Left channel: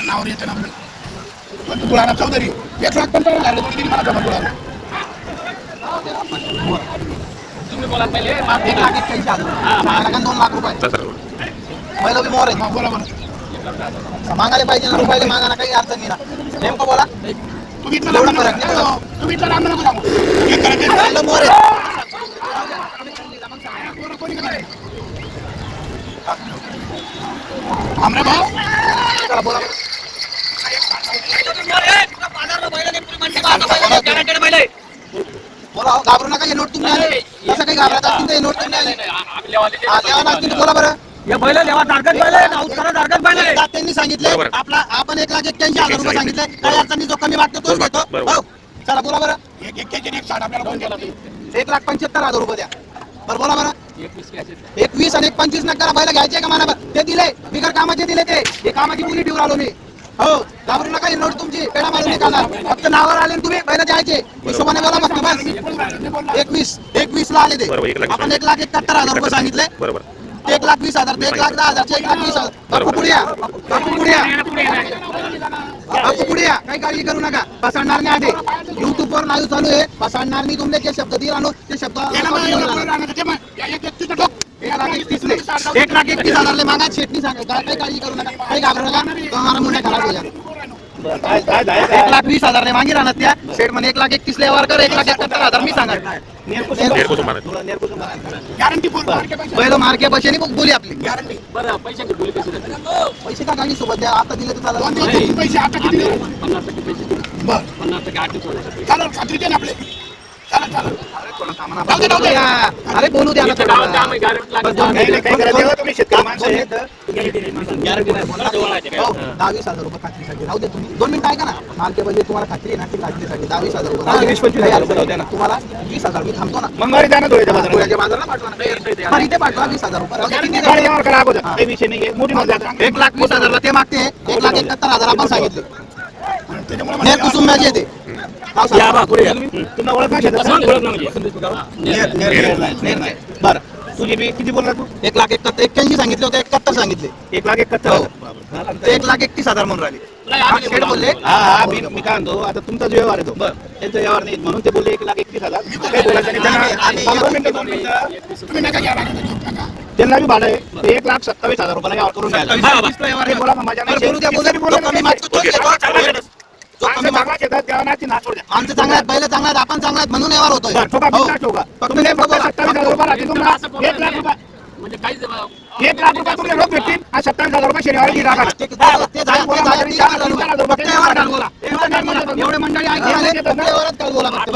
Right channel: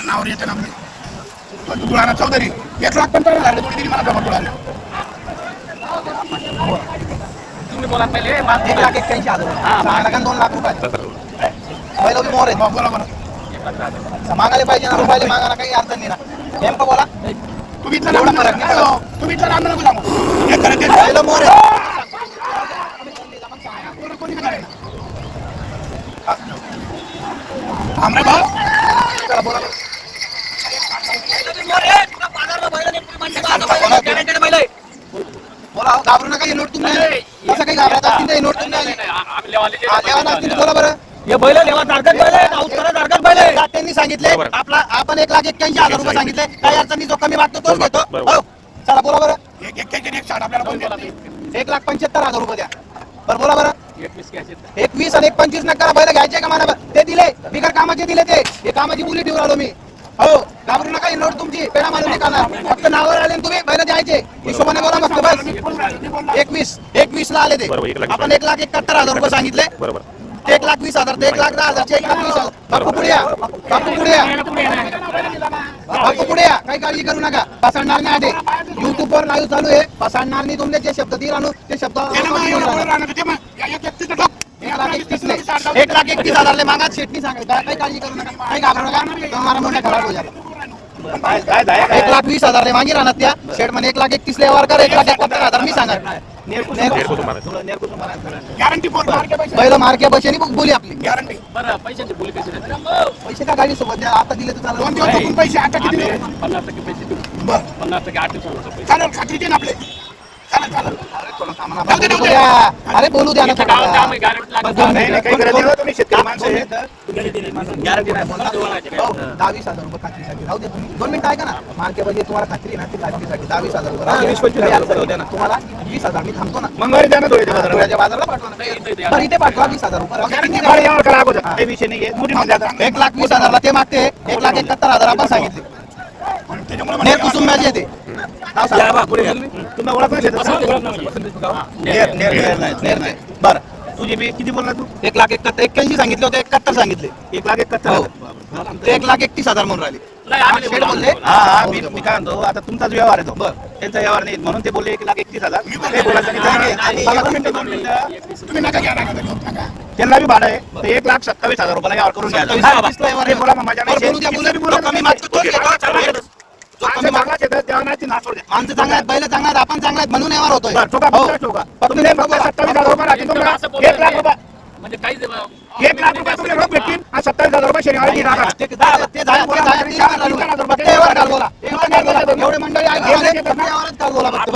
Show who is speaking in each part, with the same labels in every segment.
Speaker 1: नावावर येतं ना तुळाना चौधरी याच पण लागले कोणी मला जमा तुळाला
Speaker 2: तुम्ही बोला पहिले
Speaker 3: एक लाख एक्क्याऐंशी हजार मागायला दोन लाख रुपये पहिलं तुम्ही मोर आहे.
Speaker 1: बोला बरं
Speaker 3: मागायला पाहिजे ना रुपयाला मागायला काही अर्थ नाही ना नेमकं बोला
Speaker 1: तुम्ही तुम्ही
Speaker 3: मोर आहे
Speaker 1: आमरे भाऊ.
Speaker 3: बोला घाबरू नका ही नोट तुम्ही. असं काही घाबरत असतील ही नोट तुम्ही बोला बरं
Speaker 2: हे बैल लेवा तारकत बैल पाऊस करा तारकत बैल
Speaker 3: त्यांनी सांगितले. आपला आपण एक लाख एक्क्याऐंशी हजार रुपये सांगितले. काही अडचणी जो कमी वाटतो तोच घेतो हो. चला बोला बरं.
Speaker 1: एक एक एक साठ आपल्याला?
Speaker 3: एक लाख पंच्याहत्तर हजार रुपये द्या. बरं बोला बरं.
Speaker 2: एकवीस
Speaker 3: आणि एक पंचवीस नका बैल घ्यायचे का मला ते दिले. बिगर कामाचे दिले ते. हे कामाची मुली ठेवून आलो मी. हो घाबरू नका नोट तुमची. पेढा मारून निघाला फक्त नावावर आले तुम्ही बैल द्यायचे हिशोबाने बोला मस्त बस. एकवीस. एकवीस ला आले ते. आपण एक लाख एकाहत्तर हजार रुपये सांगितले.
Speaker 4: बरोबर.
Speaker 3: एक लाख वीस हजार ते एक लाख दहा हजार एक लाख वीस हजार. पुढे या. पुढे या. बापू पुढे या. काही काळजी करू नका. पसरणार नाही आधी. युट्यूब वर लाईव्ह चालू आहे. पसरणार नाही तुमचे जे शब्द दिला आणू ते शब्द. एक लाख एकतीस एक लाख एकतीस हजारले मागा. शेटनी सांगा काय काही काळजी करू नका. काही घाबरू नका. तुम्हाला मुंडे खराब हो जाते एक लाख वीस हजारले मागे राहणार त्या. शेट म्हणे एक लाख एकतीस ले वर कर एक लाख एकाहत्तर हजार मी सांगा
Speaker 4: नेर कुटुंबाला
Speaker 1: गॅरंटी फोन मार्के पैसे.
Speaker 3: पहिलं मार्के बसेनी बोली आपली.
Speaker 1: गॅरंटी
Speaker 2: बरं पैशाची बोली कशी राहते?
Speaker 3: पैसे का गाडी सोबत द्या? आता दिले तर
Speaker 1: दोन
Speaker 3: चालेल.
Speaker 1: दोन दोन पैसे आता किती देऊ?
Speaker 2: पन्नास टक्के पैसे देऊ.
Speaker 1: बरं.
Speaker 2: पन्नास टक्के आठ पैसे.
Speaker 1: चालेल खात्री दे ना आपले. जाऊ दे, जाऊ दे.
Speaker 3: अरे बोलू द्या ना
Speaker 2: गावात आम्ही लागत नाही.
Speaker 3: गॅरंटी नाही बोला. हो, दहा वीस हजार रुपये खात्रीसाठी राहू द्या तुम्ही दोन मिनिटं ऐका ना मार्केटमध्ये तुम्हाला खात्री आहे ना ती खात्रीसाठी दहा वीस हजार रुपये राहू तुम्हाला वीस हजार मी थांबतो ना
Speaker 1: मंगळवारी द्या ना
Speaker 3: बाजारला पाठवा ना. इथे पाठवा वीस हजार रुपये राहू किती एक लाख वीस हजारला ते मागते एक लाख एकाहत्तर हजार आपण सांगितले
Speaker 1: त्याच्यामुळे
Speaker 3: नेर, नेर, नेर नाही, नेर नाही. बरं.
Speaker 1: तुझी बी किती बोलला तू?
Speaker 3: एक लाख एकाहत्तर एक्क्याऐंशी सांगितले होते एकाहत्तर सांगितले.
Speaker 1: एक लाख एक
Speaker 3: हो. ते एक लाख एकतीस हजार म्हणून राहिले.
Speaker 2: नाही, आम्ही
Speaker 3: शेठ बोलले.
Speaker 1: हा हा मी मी काय म्हणतो आता तुमचाच व्यवहार आहे तो. त्यांचा व्यवहार नाही म्हणून ते बोलले एक लाख एकतीस हजार. बोलायचं
Speaker 3: नाही,
Speaker 1: दोन मिनिटं, दोन मिनिटं. त्यांना बी भाडं आहे. ते एक लाख सत्तावीस हजार रुपयाला व्यवहार करून द्या
Speaker 3: हा, बाबा.
Speaker 1: ते बोला माझ्या नाही
Speaker 3: बोलू बोलू
Speaker 1: बोला
Speaker 3: कमी आमचं चांगलं आहेत बैल चांगला आहेत आपण चांगला आहेत म्हणून व्यवहार होतोय हो.
Speaker 1: तुम्ही फक्त
Speaker 3: बोला.
Speaker 1: सत्तावीस हजार रुपये करा. एक लाख रुपये
Speaker 2: म्हणजे
Speaker 1: एक लाख रुपये लोक भेटतील सत्तावीस हजार रुपये शनिवारी राखा.
Speaker 3: ते- झालं, ते झालं, ते झालं, फक्त व्यवहार काल बोला. एवढे मंडळी फक्त व्यवहारात काल बोला फक्त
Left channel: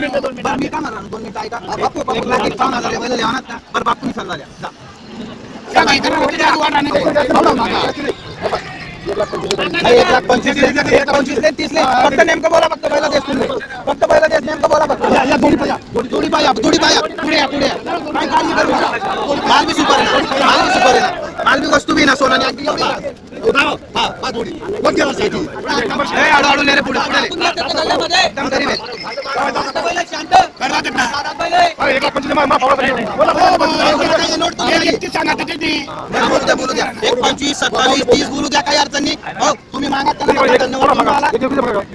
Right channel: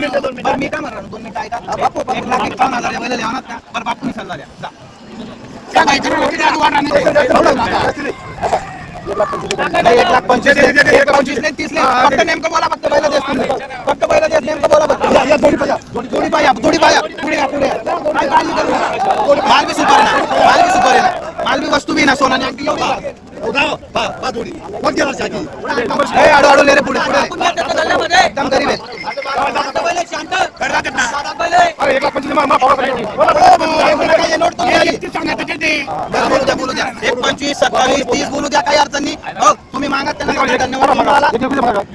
Speaker 3: बरं, मी काय म्हणणार, दोन मिनिटं ऐका. बापू, बापू, लाख एकावन्न हजार बैल द्या ना. बरं, बापू, मी सल्ला द्या. जा.
Speaker 1: त्या बाईकडे किती आडू वाढणार नाही.
Speaker 3: नाही, एक लाख पंचवीस ले, एक लाख पंचवीस ले, तीस ले. फक्त नेमकं बोला फक्त बैल देस तुम्ही. फक्त बैल देस नेमकं बोला फक्त. या, या, जोडी पाया. जोडी पाया, जोडी पाया. पुढे या, पुढे या. काय काळजी करू नका. माल बी सुपर आहे ना. माल बी सुपर आहे ना. माल बी वस्तू बी ना सोना हा, हा, जोडी. कोणत्या वर्षाची? हे, आडू, आडू, ले रे, पुढे, पुढे. एकदम गरीब आहे.
Speaker 1: एक पंचवीस
Speaker 3: सत्तावीस तीस बोलू द्या काही अडचण नाही तुम्ही मागा त्यांना धन्यवाद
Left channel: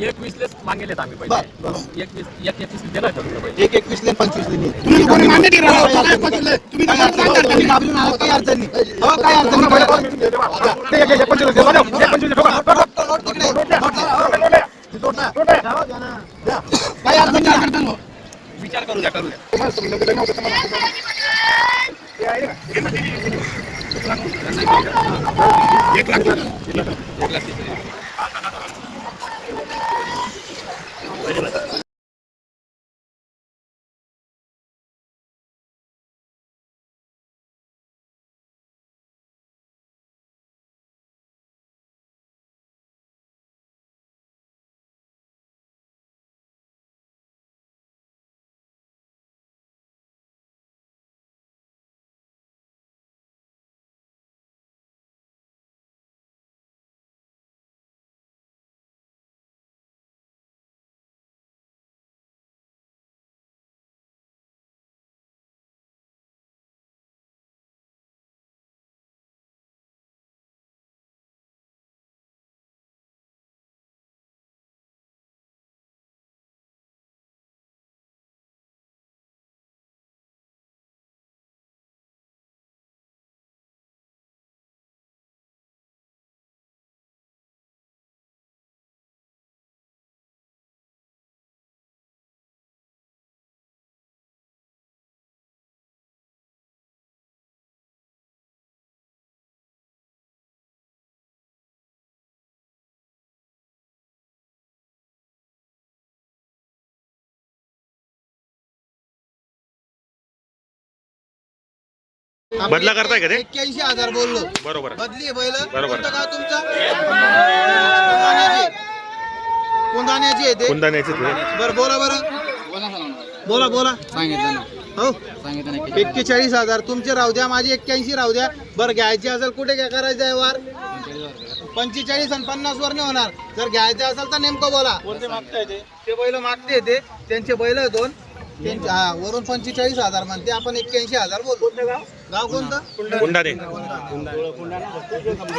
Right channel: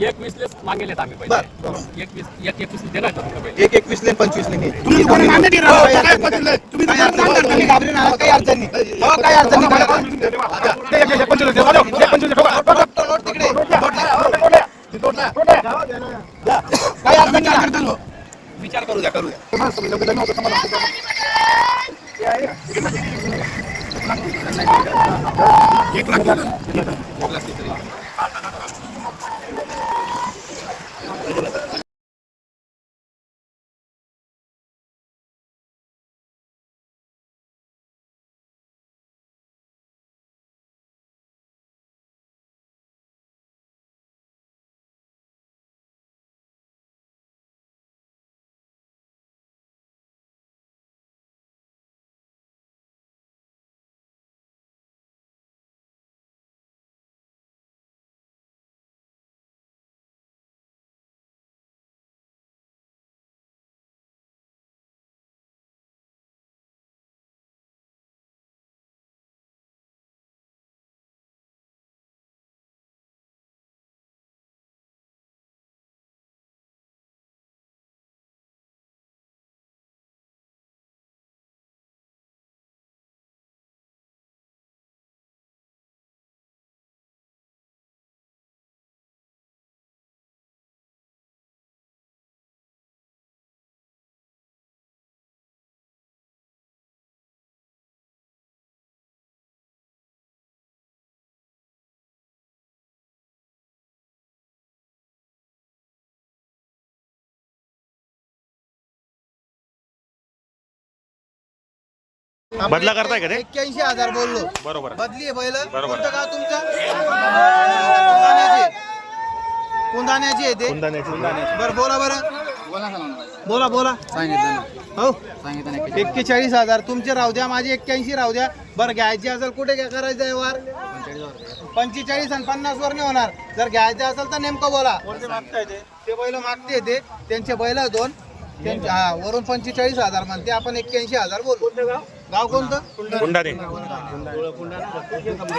Speaker 2: एकवीस मागेल एक एकवीस
Speaker 3: ले पंचवीस ले
Speaker 1: तुम्ही कोणी मान्य
Speaker 3: हो, काही अडचण नाही. काही अडचण नाही.
Speaker 1: केलं.
Speaker 3: तुम्ही घाबरू नका काही अडचण नाही द्या.
Speaker 1: विचार
Speaker 3: करू द्या करू द्या
Speaker 1: एक लाख
Speaker 4: बदला करताय का ते?
Speaker 5: एक्क्याऐंशी हजार बोललो.
Speaker 4: बरोबर.
Speaker 5: बदली आहे बैल.
Speaker 4: बरोबर.
Speaker 5: कोणतं गाव तुमचं? कुंदाण्याची कुंदाण्याची आहे ते.
Speaker 4: कुंदाण्याचे
Speaker 5: बरं बोला बरं. बोला बोला. हो. एक्केचाळीस हजार. तुमचे राहू द्या माझे एक्क्याऐंशी राहू द्या. बरं घ्यायचे असेल कुठे काय करायचं आहे वार? पंचेचाळीस आणि पन्नास वर नाही होणार. जर घ्यायचं असेल तर नेमकं बोला. ते? बैल मागते ते. त्यांचे बैल दोन. त्यांचे हा वरून पंचेचाळीस हजार म्हणते. आपण एक्क्याऐंशी हजार बोलू गाव कोणतं?
Speaker 4: कुंडाने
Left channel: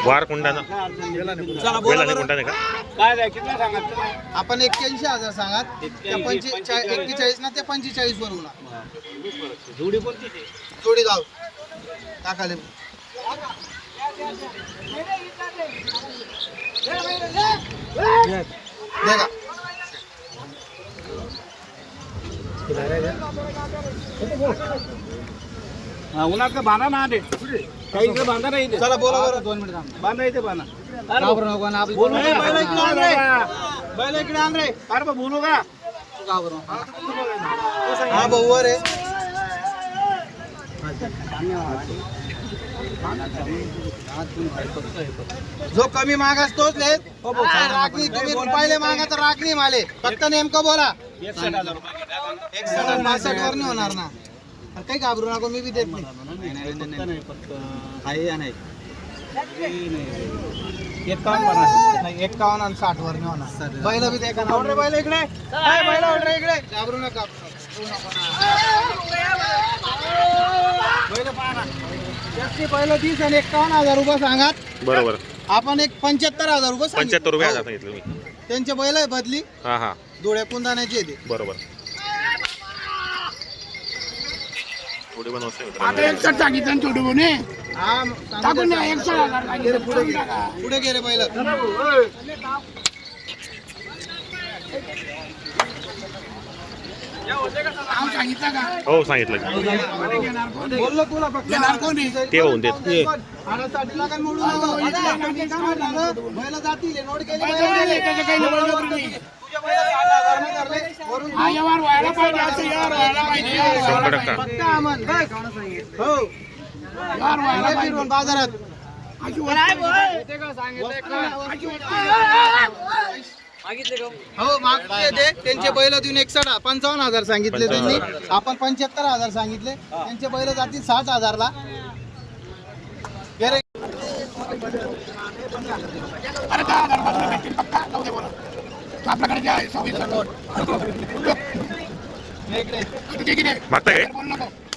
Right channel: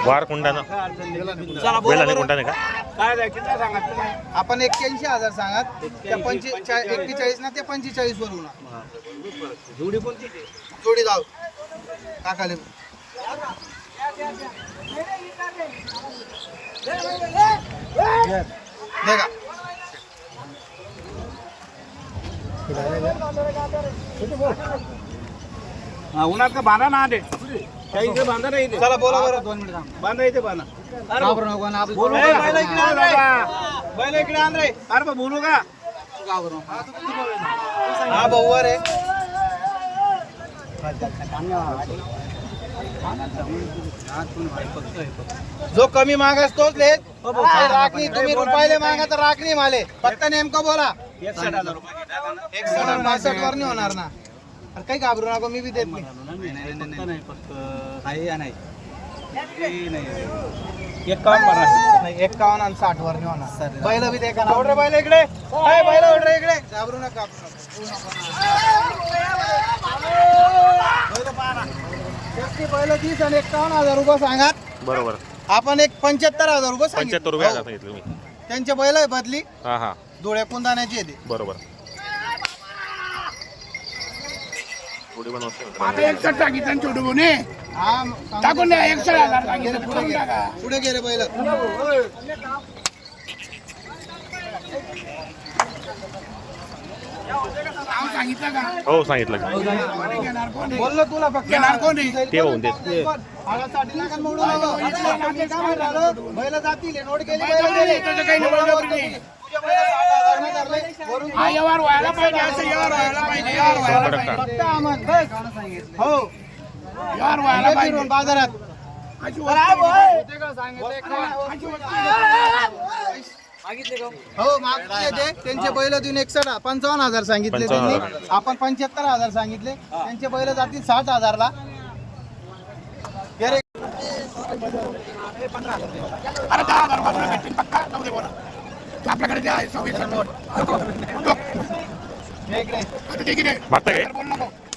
Speaker 4: वार कुंडाना का?
Speaker 5: आपण एक्क्याऐंशी हजार सांगात. त्या एक्केचाळीस ना ते पंचेचाळीस वर होणार. जोडी गाव. काकाले दे का?
Speaker 1: उन्हात बांधा ना काही इथे बांधा नाही.
Speaker 5: चला बोला बरं. दोन मिनिट
Speaker 1: बांधा इथे बांधा.
Speaker 5: बोलू बैल इकडे आण रे. बैल इकडे आण रे.
Speaker 1: अरे बा, बोलू का?
Speaker 5: हा भाऊ आहे जो कमी मागास तोच लेत राखणी तुम्ही रुपयाले मागा तर राखणी माले. फक्त नेमकं बोला.
Speaker 1: एकसष्ट हजार
Speaker 5: बासष्ट वर नाही होणार ना. अरे काही घाबरू नको मी बी देत नाही.
Speaker 1: एकावन्न
Speaker 5: नाही एक्कावन्न आणि साठ वर नाही होणार बैल बी देखा ना. रे बैल इकडे. काय बैल इकडे इकडे. घाबरू नका. बैल पहा ना. जास्ती बैल तीस आणि एक्कावन्न हजार रुपये सांगात.
Speaker 4: बरोबर.
Speaker 5: आपण एक पंच्याहत्तर हजार रुपये.
Speaker 4: पंच्याहत्तर रुपये
Speaker 5: हो.
Speaker 4: हजार सांगितले तुम्ही.
Speaker 5: त्यांचे बैल आहे बदली.
Speaker 4: हा हा.
Speaker 5: डोळ्या कुंदाण्याची येते
Speaker 4: बरोबर.
Speaker 1: सांगितलं ना छोटू
Speaker 5: हा सांगू
Speaker 1: टाकून
Speaker 5: द्या.
Speaker 1: एकसष्ट हजार सांगितलं
Speaker 5: पुढे गेले पुढे गेले
Speaker 1: का?
Speaker 4: हो सांगितलं? ते होऊन देत.
Speaker 5: जातील हे हजार. वरून
Speaker 1: हा व्यवहार व्हायला पाहिजे असं व्यवहार व्हायला पाहिजे. व्यवहार व्हायला
Speaker 4: शंभर
Speaker 1: पाहिजे.
Speaker 4: टक्का
Speaker 5: फक्त आम्हाला काय? हो.
Speaker 1: व्यवहार व्हायला
Speaker 5: आले
Speaker 1: पाहिजे.
Speaker 5: फिरून बाजारात
Speaker 1: अशी वस्तू आहे.
Speaker 5: हो मागचे ते. त्यांचे बैल देऊन एकसठ पंचावन्न हजार सांगितले त्यांनी. आपण पंच्याहत्तर हजार सांगितले. त्यांचे बैल जातील साठ हजारला. हे रे,
Speaker 1: अरे आपल्याकडे जे आहे
Speaker 5: हे?
Speaker 4: मागताय काय.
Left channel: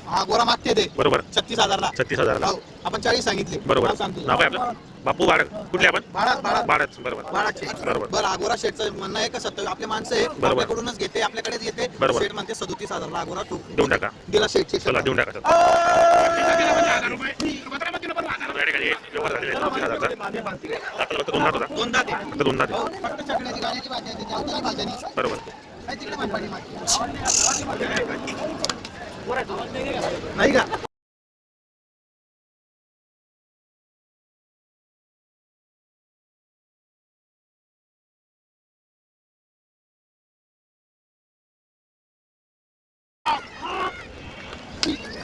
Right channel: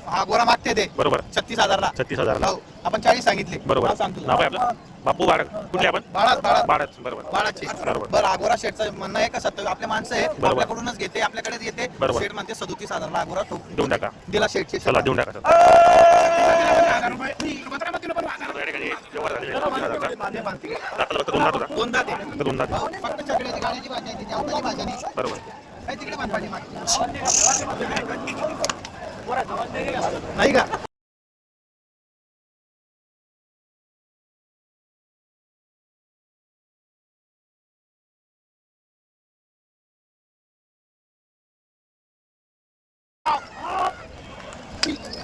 Speaker 5: हा गोरा मागते ते.
Speaker 4: बरोबर.
Speaker 5: छत्तीस हजारला.
Speaker 4: छत्तीस हजारला.
Speaker 5: हो, आपण चाळीस सांगितले.
Speaker 4: बरोबर.
Speaker 5: नाव सांगतो.
Speaker 4: नाव आपलं? बापू बाळ कुठले आपण?
Speaker 5: बाळा- बाळा-
Speaker 4: बाळच बरोबर.
Speaker 5: बाळाचे.
Speaker 4: बरोबर.
Speaker 5: बरं अगोरा शेठचं म्हणणं आहे का? सत्तर आपले माणसं आहे.
Speaker 4: बरोबर.
Speaker 5: आपल्याकडूनच घेते आपल्याकडेच येते
Speaker 4: बरोबर.
Speaker 5: शेठ म्हणते सदोतीस हजारला अगोरा ठोक.
Speaker 4: देऊन टाका.
Speaker 5: दिला शेठचे
Speaker 4: चला देऊन टाका. तर या ठिकाणी व्यवहार झालेले आहेत हजारचा दाताला फक्त दोन दात होता. फक्त दोन दात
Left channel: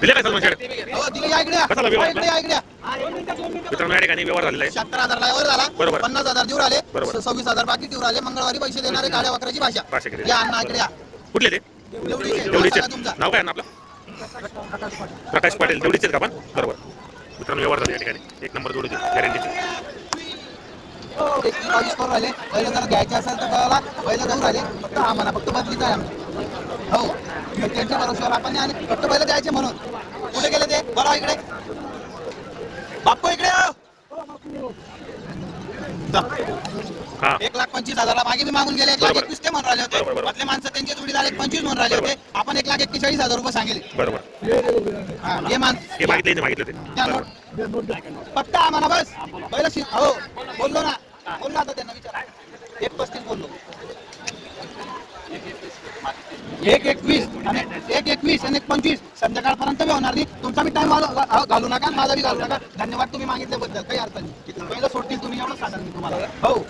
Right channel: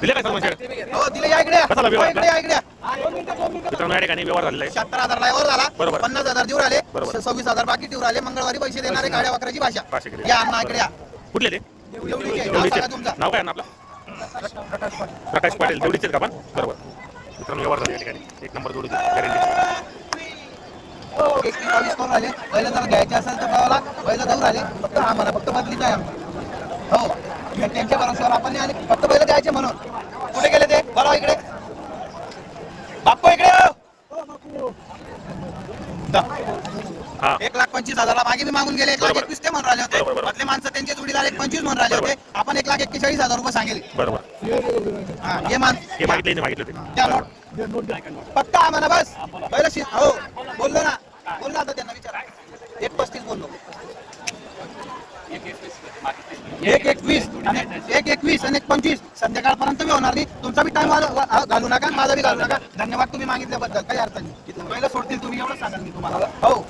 Speaker 4: दिले काय सलमान शेठ
Speaker 5: हो दिले या इकडे या.
Speaker 4: कसा लागला
Speaker 5: हो, इकडे या इकडे या.
Speaker 4: मित्रांनो या ठिकाणी व्यवहार झालेला आहे.
Speaker 5: शहात्तर हजार झाला.
Speaker 4: बरोबर.
Speaker 5: पन्नास हजार देऊ राहिले
Speaker 4: बरोबर.
Speaker 5: सव्वीस हजार बाकी देऊ राहिले मंगळवारी पैसे देणारे गाड्या वकराची भाषा. या अण्णा इकडे या.
Speaker 4: कुठले ते?
Speaker 5: एवढीचे.
Speaker 4: देवडीचे
Speaker 5: नाव सांगा तुमचा.
Speaker 4: नाव काय आहे आपलं? प्रकाश पाटील. देवडीचे का आपण बरोबर. मित्रांनो व्यवहार झाले या ठिकाणी. एक नंबर जोडीची गॅरंटीची
Speaker 5: एक बावीस करून राहिले. पहिलं जर घ्यायचे असेल तर कळाला. पहिलं जाऊन राहिले. फक्त आम्हाला फक्त बदलीच आहे आमची. हो. त्यांच्या भरोश्यावर आपण आले फक्त पहिलं द्यायचे म्हणून. कुठे गेले ते? बरं इकडे. बाप्पा इकडे एक लाख पंचवीस हजारला मागे मी मागून गेले. एक लाख. एकवीस ते म्हणून राहिले होते. मधले माणसं त्यांचे जोडीदार एक पंचवीस म्हणून राहिले होते. आपण एक लाख एक्केचाळीस हजार रुपये सांगेल.
Speaker 4: बरोबर.
Speaker 5: हा मान. पक्का आम्हाला बस. पहिलं हो बोललो ना. बोललो आता त्यांना विचारा. एक पस्तीस बोललो. एक एकवीस आणि एक एकवीस आणि एक पंचवीस संध्याकाळपर्यंत बी होणार नाही. तुमचा बी टाइम घालू नका माझा बी घालू नका. धन्यवाद तुम्ही मागितल्याबद्दल. काही अर्थ नाही. पहिलं सोडतील तुम्ही एवढं सांगा मी तुम्हाला. हो.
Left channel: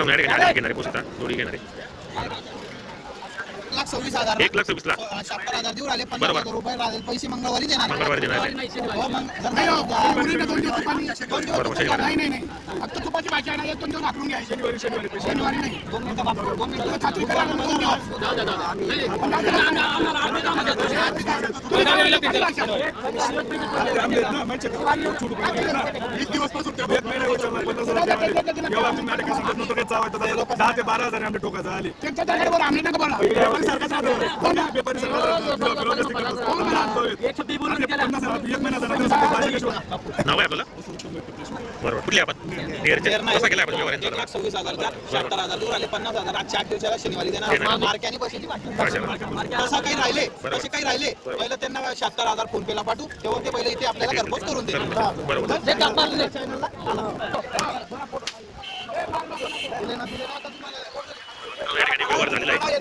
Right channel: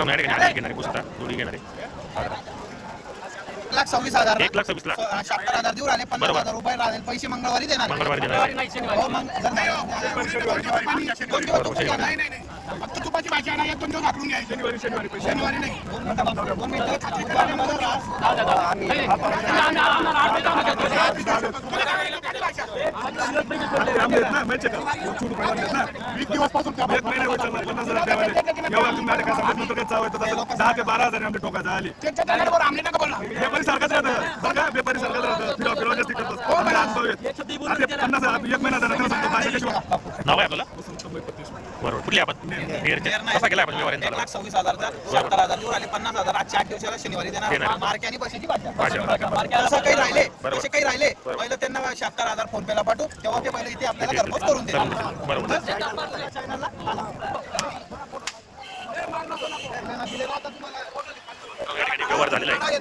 Speaker 4: घेणारे ठिकाणी घेणारे पुस्तक जोडी घेणारे
Speaker 3: लाख सव्वीस हजार
Speaker 4: एक लाख सव्वीस लाख
Speaker 3: शहात्तर हजार देऊ राहिले पन्नास
Speaker 4: बरोबर.
Speaker 3: हजार रुपये राहिले पैसे मंगळवारी देणार
Speaker 4: मंगळवारी देणार आहे.
Speaker 3: हो मग जर नाही,
Speaker 1: दोन दिवस
Speaker 4: बरोबर शनिवारी
Speaker 1: नाही नाही नाही फक्त तुपाची भाजी एक दोन दिवस वापरून घ्यायची शनिवारी शनिवारी शनिवारी नाही
Speaker 3: दोन मिनिटं बाबा, दोन मिनिटं छाती उतरवायला मला ना.
Speaker 1: वीस दिवसपासून
Speaker 6: एक महिना होईल चालला, पन्नास हजार द्यावा लागेल. एवढा तुम्ही नाटक करता, बस नव्हतं काही चावायचं तसं. दहा ते बारा हजार आमच्या टोकाचं आले
Speaker 1: त्यांच्या नका
Speaker 6: व्यापारी सारखाच राहतं. व्यापारी सारखाच राहतं फिरवा जास्ती हो शिवाय
Speaker 4: नाव आहे आपल्याला बरोबर. कुठली आपण. कसा केला व्यवहार
Speaker 3: सव्वीस हजारचा. शहात्तर हजार पन्नास हजार. आजच्या आठ दिवसाला शनिवारी देणार. मार्क्याने पैशाची तसं काही राहिले. तसे काही राहिले. पहिलं त्यांना शहात्तर हजार फोन पेला पाठवू तेव्हा ते पहिले इथे आपल्याला घरपोच करून देतील.
Speaker 4: बरोबर. व्यवहार झालेला आहे.